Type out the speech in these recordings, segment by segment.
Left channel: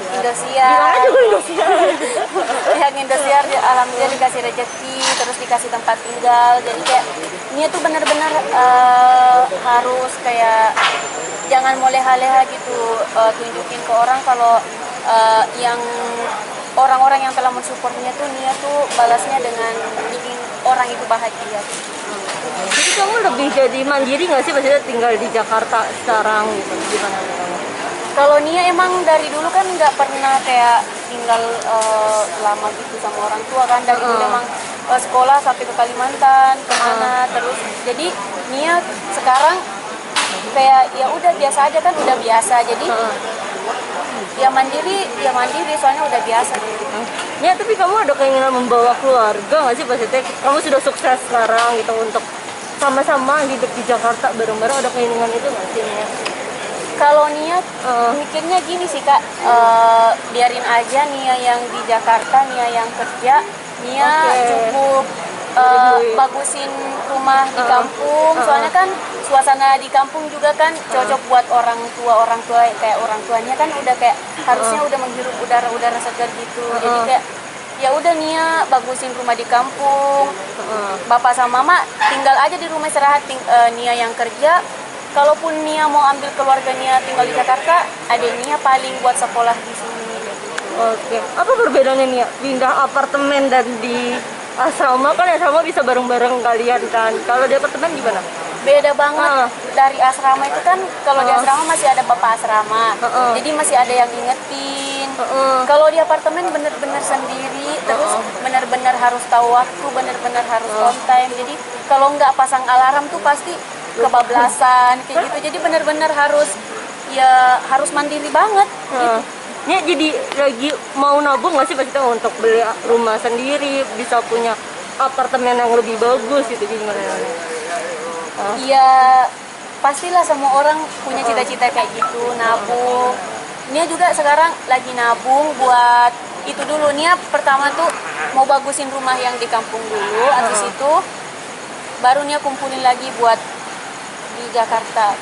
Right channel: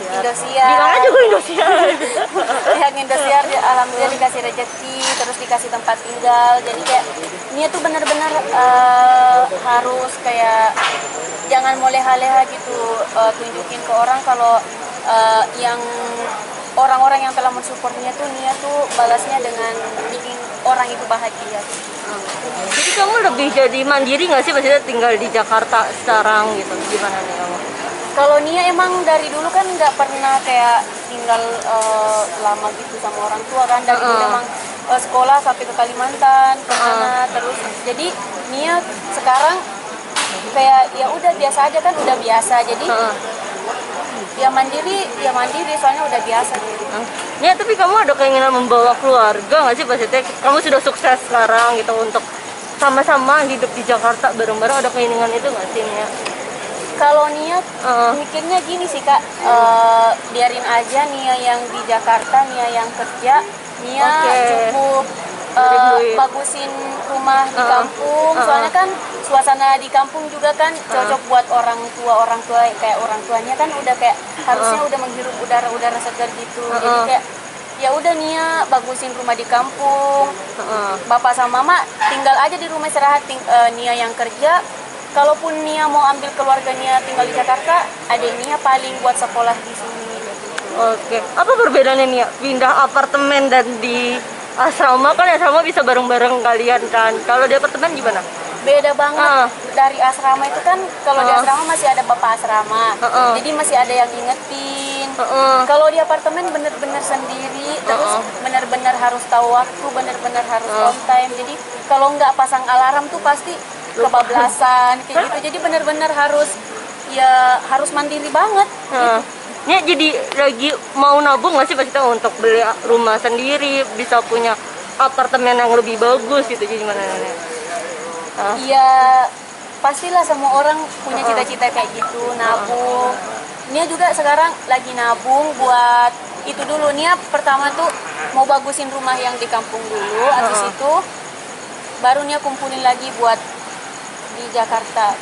Indosiar. Indosiar. Bilang aja gue Indosiar. Yang Indosiar alhamdulillah dikasih rezeki, terus dikasih tempat tinggal. Jadi kayak Nia tuh benar-benar harus kayak jangan mau leha-leha gitu, tunjukin ke orang kalau yang orang-orang yang telah mensupportnya tuh Nia tuh balasnya dengan bikin orang itu bahagia. Jadi kamu lebih jadi mandiri nggak sih maksudnya tinggal di Jakarta sekarang gitu? Gimana nih kamu? Kalau Nia emang dari dulu kan nggak pernah kayak tinggal lama gitu sama orang tua kan. Dari dulu emang sekolah sampai ke Kalimantan, ke mana terus. Jadi Nia sekarang kayak ya udah biasa aja kan, udah biasa. Jadi ya mandiri soalnya udah biasa gitu. Ya tapi kamu ada keinginan membawa keluarga nggak sih maksudnya? Kamu sudah sukses sekarang gitu untuk sama-sama hidup di Jakarta bareng-bareng, ada keinginan itu nggak sih Nia? Kalau Nia mikirnya gini sih Kak, biarin aja Nia yang di Jakarta, Nia yang kerja, Nia cukup bagusin rumah di kampung. Soalnya kan suasana di kampung juga kan cocok buat orang tua kayak orang tuanya kan udah kayak harusnya udah menghirup udara segar gitu. Jadi kayak ya udah Nia bagusin rumah di kampung. Bapak sama mama tinggal aja di rumah istirahat, Nia yang kerja. Kalaupun Nia mau ambil keluarga Nia tinggal di Jakarta, adik Nia paling buat sekolah di sini. Oke. Apa perbedaannya Nia pindah apartemen dan di asrama? Kan asrama bisa bareng-bareng kalian kan. Kalau di apartemen gimana? Beda banget. Dari asrama itu kan kalau di asrama masih ada bapak asrama. Jadi masih ada yang ingetin. Kalau di apartemen bener-bener sendiri, terus bener-bener harus tahu waktu, bener-bener harus on time. Jadi kalau nggak pasang alarm tuh pasti kebablasan kayak gitu. Jadi benar-benar harus mandiri banget gitu. Ini jadi lagi mau nabung nggak sih Pak untuk beli rumah sendiri, bisa punya apartemen yang lebih bagus gitu, gimana? Iya, pastilah semua orang punya cita-cita kayak gitu, nabung. Nia juga sekarang lagi nabung buat itu dulu. Nia pertama tuh mau bagusin rumah yang di kampung dulu, habis itu baru Nia kumpulin lagi buat di Jakarta.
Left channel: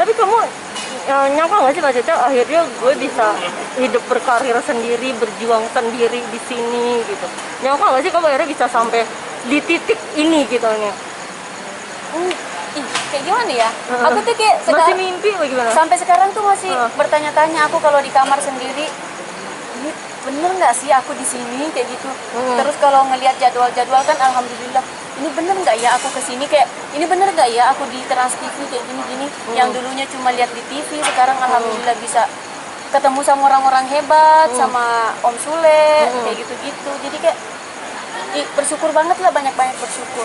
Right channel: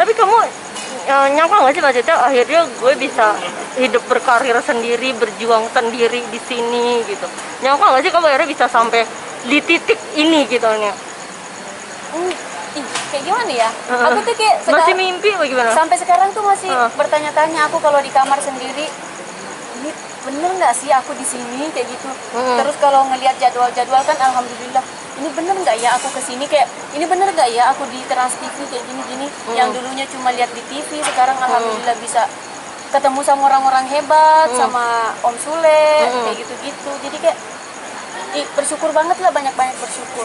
Tapi kamu nyangka nggak sih maksudnya akhirnya gue bisa hidup berkarir sendiri, berjuang sendiri di sini gitu? Nyangka nggak sih kamu akhirnya bisa sampai di titik ini gitu Nia? Kayak gimana ya? Aku tuh kayak masih mimpi apa gimana? Sampai sekarang tuh masih bertanya-tanya aku kalau di kamar sendiri, ini bener nggak sih aku di sini kayak gitu. Terus kalau ngelihat jadwal kan alhamdulillah, ini bener nggak ya aku kesini, kayak ini bener nggak ya aku di Trans TV kayak gini-gini. Yang dulunya cuma lihat di TV, sekarang alhamdulillah bisa ketemu sama orang-orang hebat, sama Om Sule kayak gitu-gitu. Jadi kayak bersyukur banget lah, banyak-banyak bersyukur.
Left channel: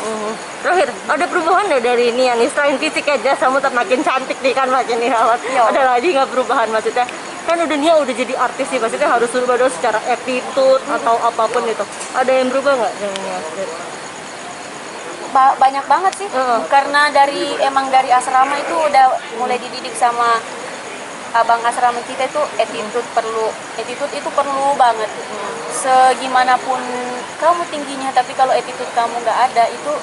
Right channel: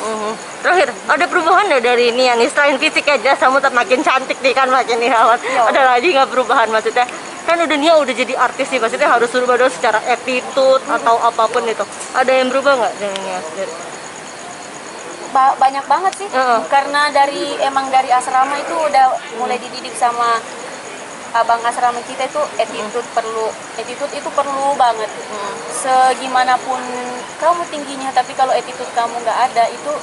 Terakhir, ada perubahan nggak dari ini ya nih? Selain fisik aja, kamu tetap makin cantik nih kan, makin dirawat. Ada lagi nggak perubahan maksudnya? Kan Nia udah jadi artis sih, maksudnya harus berubah dong secara attitude atau apapun itu. Ada yang berubah nggak dari Nia? Banyak banget sih, karena emang dari asrama itu udah mulai dididik sama abang asrama kita itu attitude itu perlu banget. Segimanapun kamu tingginya, tapi kalau attitude kamu nggak ada, itu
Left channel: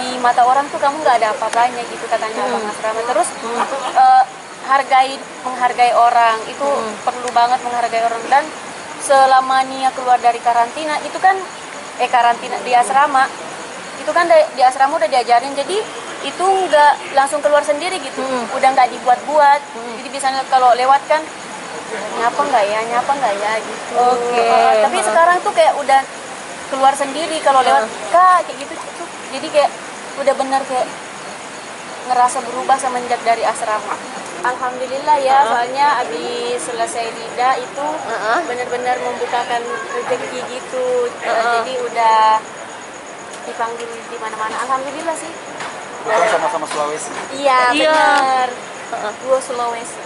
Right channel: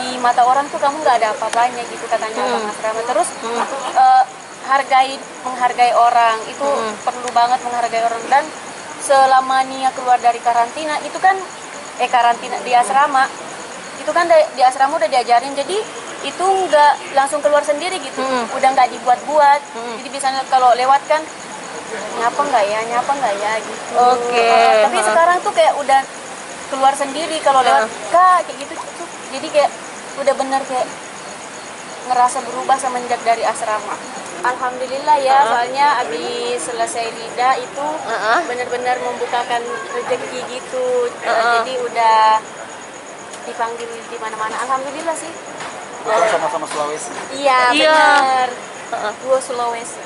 di mata orang tuh kamu nggak ada apa-apanya gitu katanya abang asrama. Terus menghargai orang itu perlu banget, menghargai orang. Dan selama Nia keluar dari karantina itu kan karantina di asrama itu kan di asrama udah diajarin, jadi itu nggak langsung keluar sendiri gitu, udah nggak dibuat-buat. Jadi biasanya kalau lewat kan nyapa nggak ya gitu. Tapi sekarang tuh kayak udah keluar sendiri kalau lewat Kak kayak gitu. Jadi kayak udah bener kayak ngerasa berubah semenjak dari asrama. Alhamdulillah ya, soalnya abis selesai Lida itu benar-benar membukakan rezeki gitu. Jadi udah dipanggil di mana-mana. Alhamdulillah sih. Bukan sama-sama Sulawesi. Iya, benar. Dua Sulawesi.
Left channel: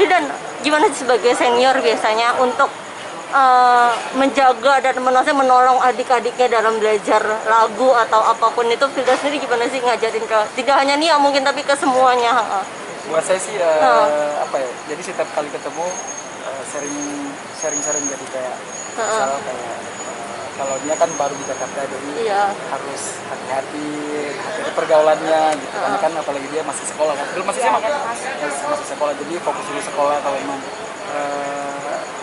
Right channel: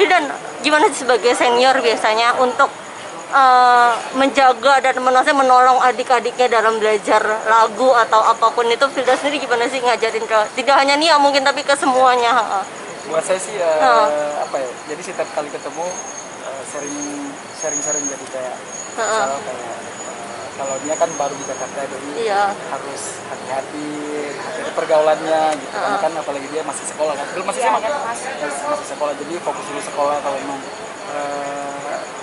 Dan gimana sih sebagai senior biasanya untuk menjaga dan menolong adik-adiknya dalam belajar lagu atau apapun itu? Firda sendiri gimana sih ngajarin ke tidak hanya Nia mungkin tapi ke semuanya? Buat saya sih apa ya? Jadi setiap kali ketemu sering jadi kayak misalnya kayak kalau dia kan baru di Jakarta jadi Iya. harus hati-hati pergaulannya gitu. Karena kan apalagi dia masih sekolah kan, belum masih SMA kan, masih sekolah jadi fokus dulu sekolah kalau emang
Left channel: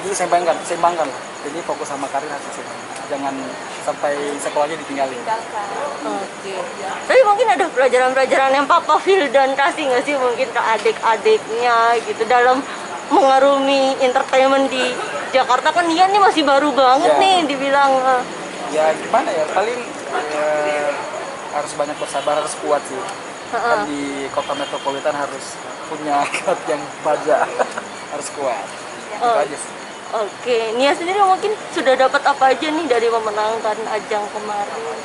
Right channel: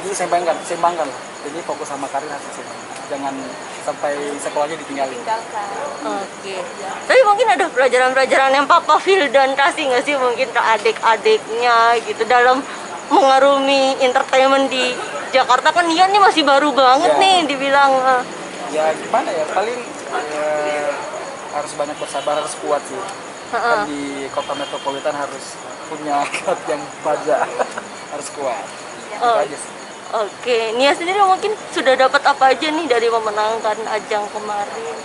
diseimbangkan lah. Jadi fokus sama karir harus diseimbangkan. Jangan sampai sekolahnya ditinggalin. tinggalkan. Oke. Tapi mungkin ada pelajaran-pelajaran yang Papa Vildan kasih nggak sih mungkin ke adik-adiknya gitu dalam mengarungi entertainment di Jakarta, kan dia nih masih baru banget Ya. nih dibilang. Ya gimana ya, paling harus banyak bersabar, harus kuat sih. Kan di kota metropolitan harus punya kuat yang baja. Harus kuat. Itu aja sih. Oke, Nia sendiri mungkin sudah dapat apa aja nih dari memenangkan ajang kemarin?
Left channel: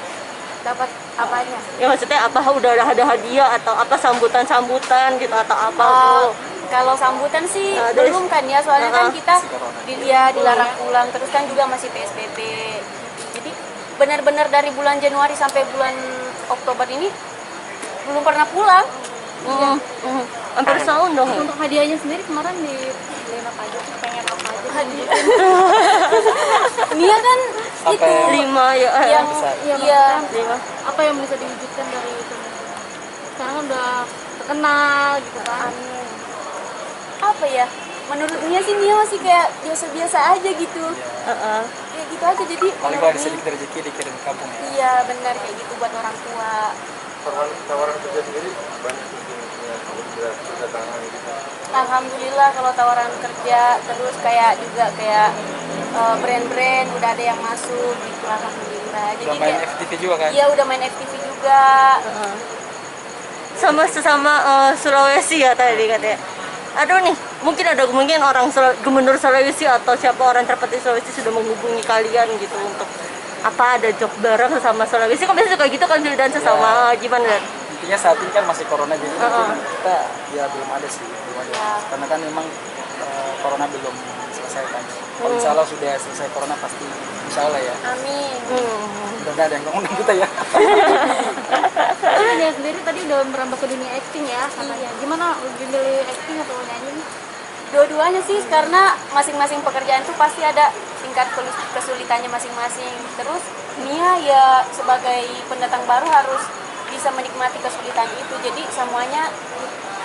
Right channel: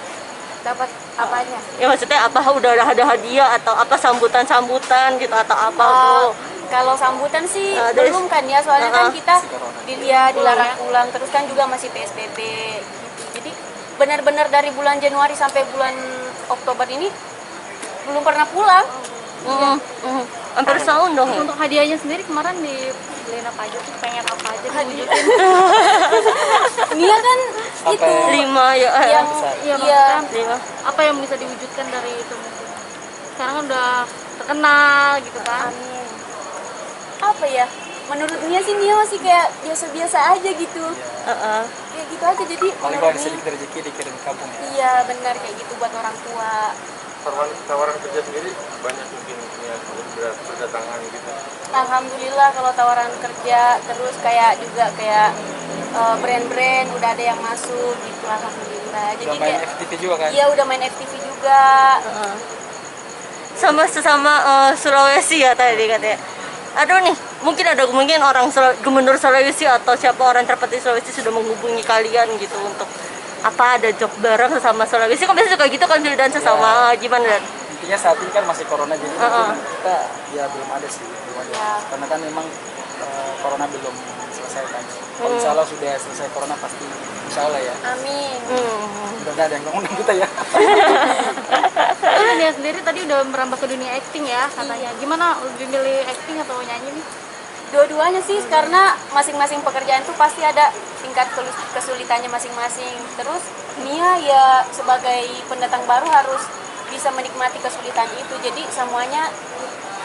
Dapat apanya? Ya maksudnya apa, udah ada hadiah atau apa, sambutan-sambutan gitu atau apa bro? Kalau sambutan sih dari- belum kan ya, soalnya kan kita Si corona. dilarang pulang, terus kan juga masih PSBB gitu. Jadi benar-benar dari bulan Januari sampai bulan Oktober ini belum pernah pulang. Hampir setahun dong ya? Untuk hadiahnya sendiri kemarin dibeliin apa aja sih? Pengen apa aja? Dia kan Apa itu yang 5 ya, yang besar? Iya, iya maksudnya apa yang bisa diwujudkan dari itu mungkin? Sekarang kan udah terkenal gitu kan. amin. Apa ya? Menurut Nia sih Nia masih kayak biasa-biasa aja gitu. Kayak gitu aja, jadi Paling kalau ada sedikit rezeki dikirim ke kampung ya. iya benar kayak gitu buat orang tua. Tawaran kerja sendiri banyak mungkin ya berdatangan gitu. Alhamdulillah kalau tawaran kerja, terus kayak juga kayak brand-brand udah ada yang masuk gitu, alhamdulillah. Jadi Udah main kayak FTV juga kan? iya udah main FTV juga. sama sesama Sulawesi ya tadi katanya. Aduh nih, mungkin ada orang Gubernur Sulawesi atau siapa orang terpilih Sulawesi sudah menghubungi kalian gitu untuk apa, ada job bareng sesama Sulawesi, kan biasanya suka gitu kan dan sesama gimana Dan? Intinya saat ini kan masih corona jadi kita ya belum ada sih, belum ada. Ya. Karena kan memang corona belum selesai kan. Kalau insya Allah sudah selesai corona pasti insya Allah ya. Amin. Udah nggak ada yang ngomong kita ya. Tapi Nia sendiri tadi udah merambah ke dunia acting ya katanya. Gimana, lebih milih acting atau nyanyi nih? Dua-duanya sih, karena masing-masing pekerjaan tuh pasti ada tingkat kesulitannya masing-masing. Terus Nia ya sebagai pendatang baru harus bisa menikmati kesulitan itu. Jadi semuanya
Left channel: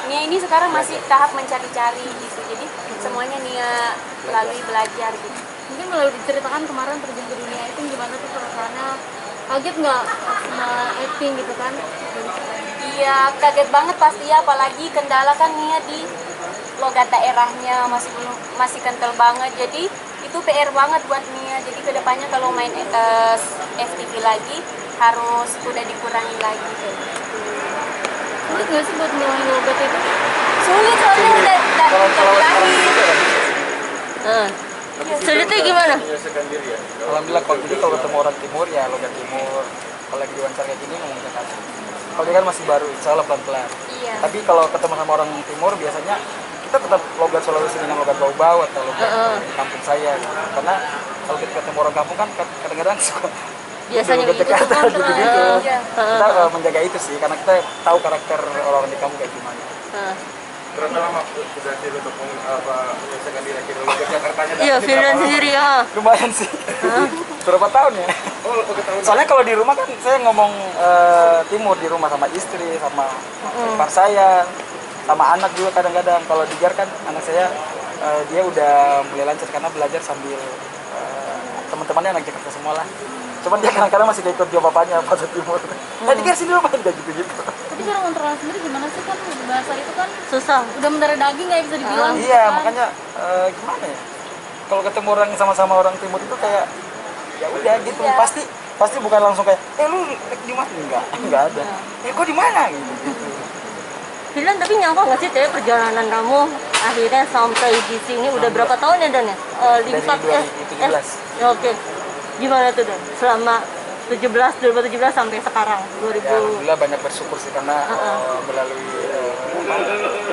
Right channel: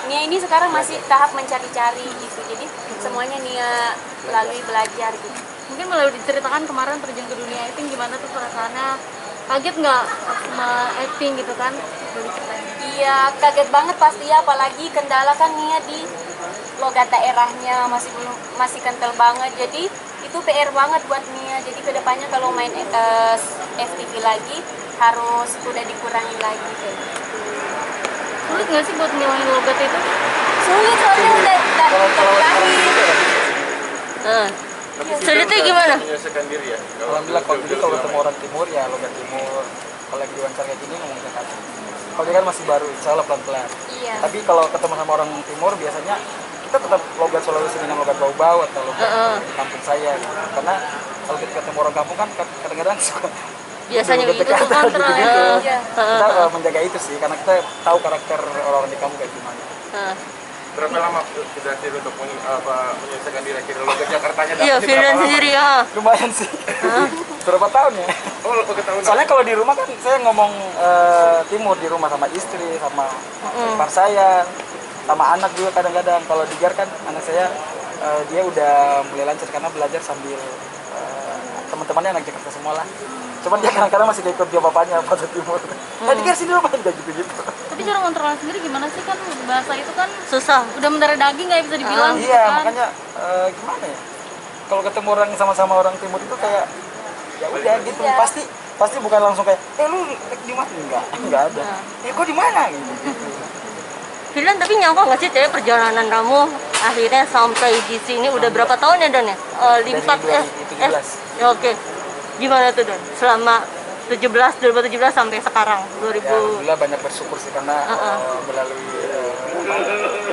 Nia ini sekarang masih tahap mencari-cari gitu. Jadi semuanya Nia lalui belajar gitu. Mungkin boleh diceritakan kemarin terjun ke dunia acting gimana tuh perasaannya? Kaget nggak sama acting gitu kan? Boleh ceritain. Iya, kaget banget pasti ya, apalagi kendala kan Nia di logat daerahnya masih kental banget. Jadi itu PR banget buat Nia. Jadi kedepannya kalau main FTV lagi harus udah dikurangi lagi kayak gitu. Sulit nggak sih buat ngilangin logat itu? Sulit soalnya udah Kalau dikurangi. Sulitnya gimana? Menyelesaikan diri ya. Alhamdulillah kalau jadi kalau ketemu orang timur ya logat timur. Kalau lagi diwawancara kayak gini ngomong Jakarta. Kalau dia kan masih baru, insya Allah pelan-pelan. Iya. Tapi kalau ketemu sama orang timur biasanya kita tetap logat Sulawesi dengan logat Bau-Bau atau logat di kampung saya gitu. Karena kalau kita ketemu orang kampung kan kadang-kadang suka Biasanya logat gitu Jakarta kontra gitu-gitu. Iya. Kita menjaga itu sih karena kita tahu karakter orang di kampung kayak gimana. Berapa lama sudah sih untuk menyelesaikan diri akhirnya logat Jakartanya Iya, dapat Vildan sendiri ya. Lumayan sih. Berapa tahun ya? Oh, oke tahun. Soalnya kalau di rumah kan saya ngomong timur di rumah sama istri, sama ipar saya, sama anak juga kadang-kadang. Kalau di Jar kan anak saya dia udah mulai lancar karena belajar sambil teman-temannya anak Jakarta semua lah. Cuman dia kadang-kadang masih ikut dia bapaknya bahasa timur. Nah di Jar sini rumah kayak gitu-gitu. Tapi cara kontrolnya sendiri gimana sih, kan bahasa itu kan Susah. udah mendarah daging nggak bisa dibilang gitu Iya kan? makanya gimana ya? Kalau ketemu orang sama-sama orang timur itu kayak ya udah gitu Iya. pasti bukan langsung kayak lu di mana, enggak ada kok di mana gitu. Vildan, tapi nyangka nggak sih cewek perjalanan kamu akhirnya sampai di sini udah berapa tahun ya Dan ya? Limpat Dari 2017. Oke. Gimana tuh Dan? Selama 2017 sampai sekarang 2000. Ya, alhamdulillah banyak bersyukur sih karena melalui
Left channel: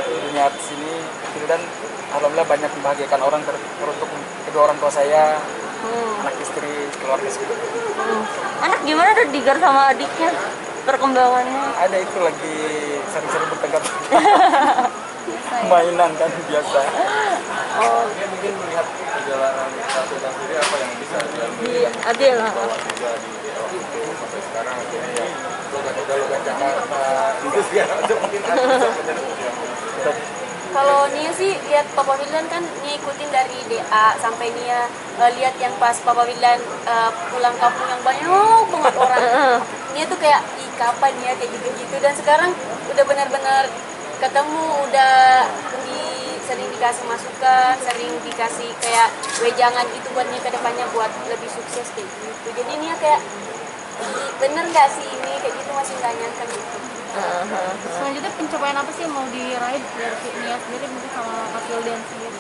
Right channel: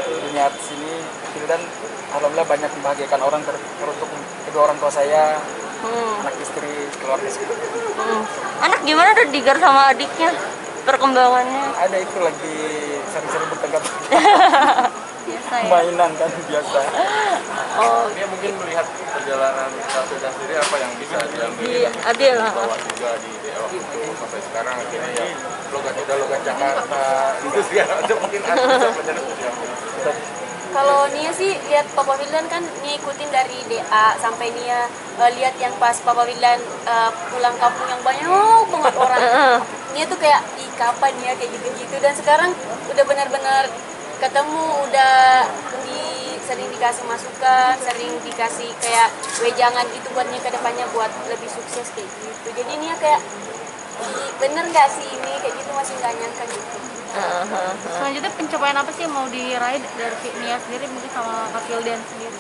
dunia sini dan alhamdulillah banyak membahagiakan orang teruntuk kedua orang tua saya, anak istri, keluarga sendiri. Anak gimana tuh, Digar sama adiknya? perkembangannya? Ada itu lagi sering-sering bertengkar. Biasa ya. Mainan kan biasa. Oh, Dia mungkin melihat perjalanan Rafida sendiri apa yang bisa diambil iya, adil lah. bawa juga di waktu itu sampai sekarang akhirnya ya logat Jakarta itu segala macam mungkin ada bisa menjadi diambil. Kalau Nia sih lihat Papa Wildan kan Nia ikutin dari DA sampai Nia lihat yang pas Papa Wildan pulang kampung yang banyak banget orang. Nia tuh kayak ih kapan ya kayak gitu-gitu, dan sekarang udah benar-benar ketemu, udah sering dikasih masukan, sering dikasih kayak wejangan gitu buat Nia ke depannya buat lebih sukses kayak gitu. Jadi Nia kayak "Ih, bener gak sih ini kayak gitu, masih nggak nyangka gitu. Selanjutnya pencapaian apa sih yang mau diraih dari Nia sendiri mungkin sama Kak Wildan sendiri?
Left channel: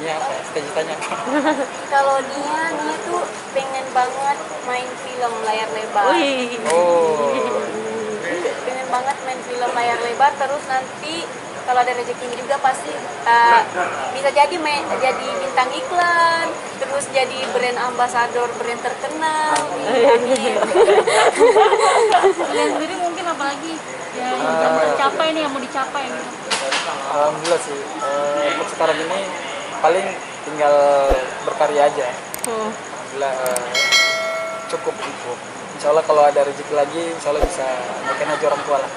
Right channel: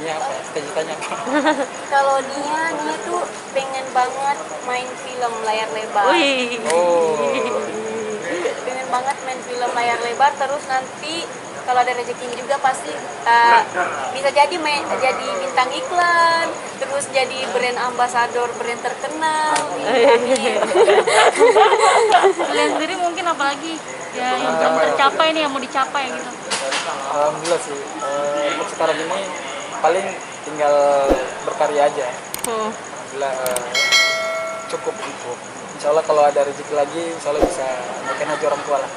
Ini apa? Cita-citanya apa? Kalau Nia tuh pengen banget main film layar lebar. Wih. Oh, Pengen banget main film layar lebar, terus nanti kalau ada rezekinya juga pasti bisa jadi jadi bintang iklan, terus jadi brand ambasador brand terkenal. Amin. Kalian sendiri mungkin apalagi ya yang belum tercapai nih yang mau dicapai gitu? alhamdulillah sih. Untuk sekarang ini paling tinggal berkarya aja. Alhamdulillah cukup. Insya Allah kalau ada rezeki lagi, insya Allah bisa naikin aja orang tua lah.